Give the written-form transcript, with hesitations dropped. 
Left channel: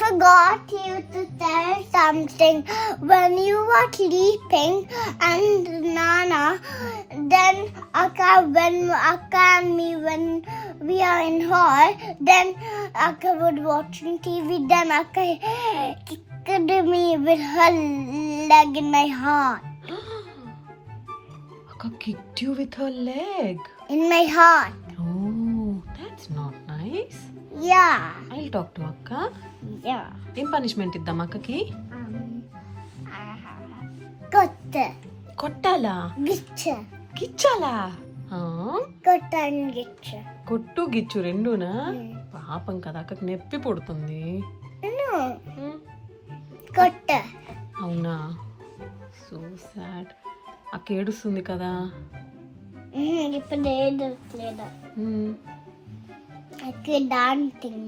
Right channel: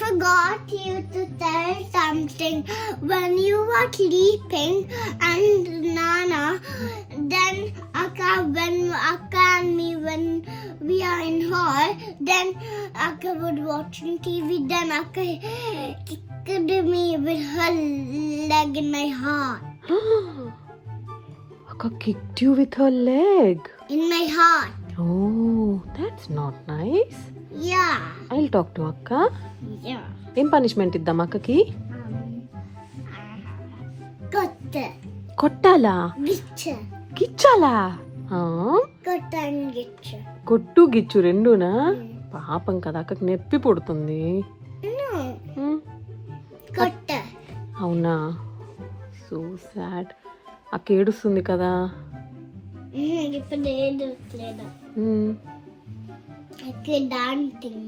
forgot you to tell something. When you were sleeping and Nana, then when Akka and me, when we are in hall, then Akka would watching TV. Then Akka kicked me with her leg in my heart. Akka kicked you with her leg. In my heart. Oh, that's not nice. Yeah. I'll talk to Akka. Yeah. ఏం punishment ఇద్దాం అక్కకి? Cut. కొట్టాలా? Gitcha. గిచ్చాలా? Cut and gitcha. కొట్టు గిచ్చు రెండునా? పాపం కదా అక్కకి నొప్పి పుడుతుంది. No. Cut. అవునా? So sad. అక్క ఏడుస్తుంది కదా? ఇప్పుడు ఏదో లేదా. Like dancing.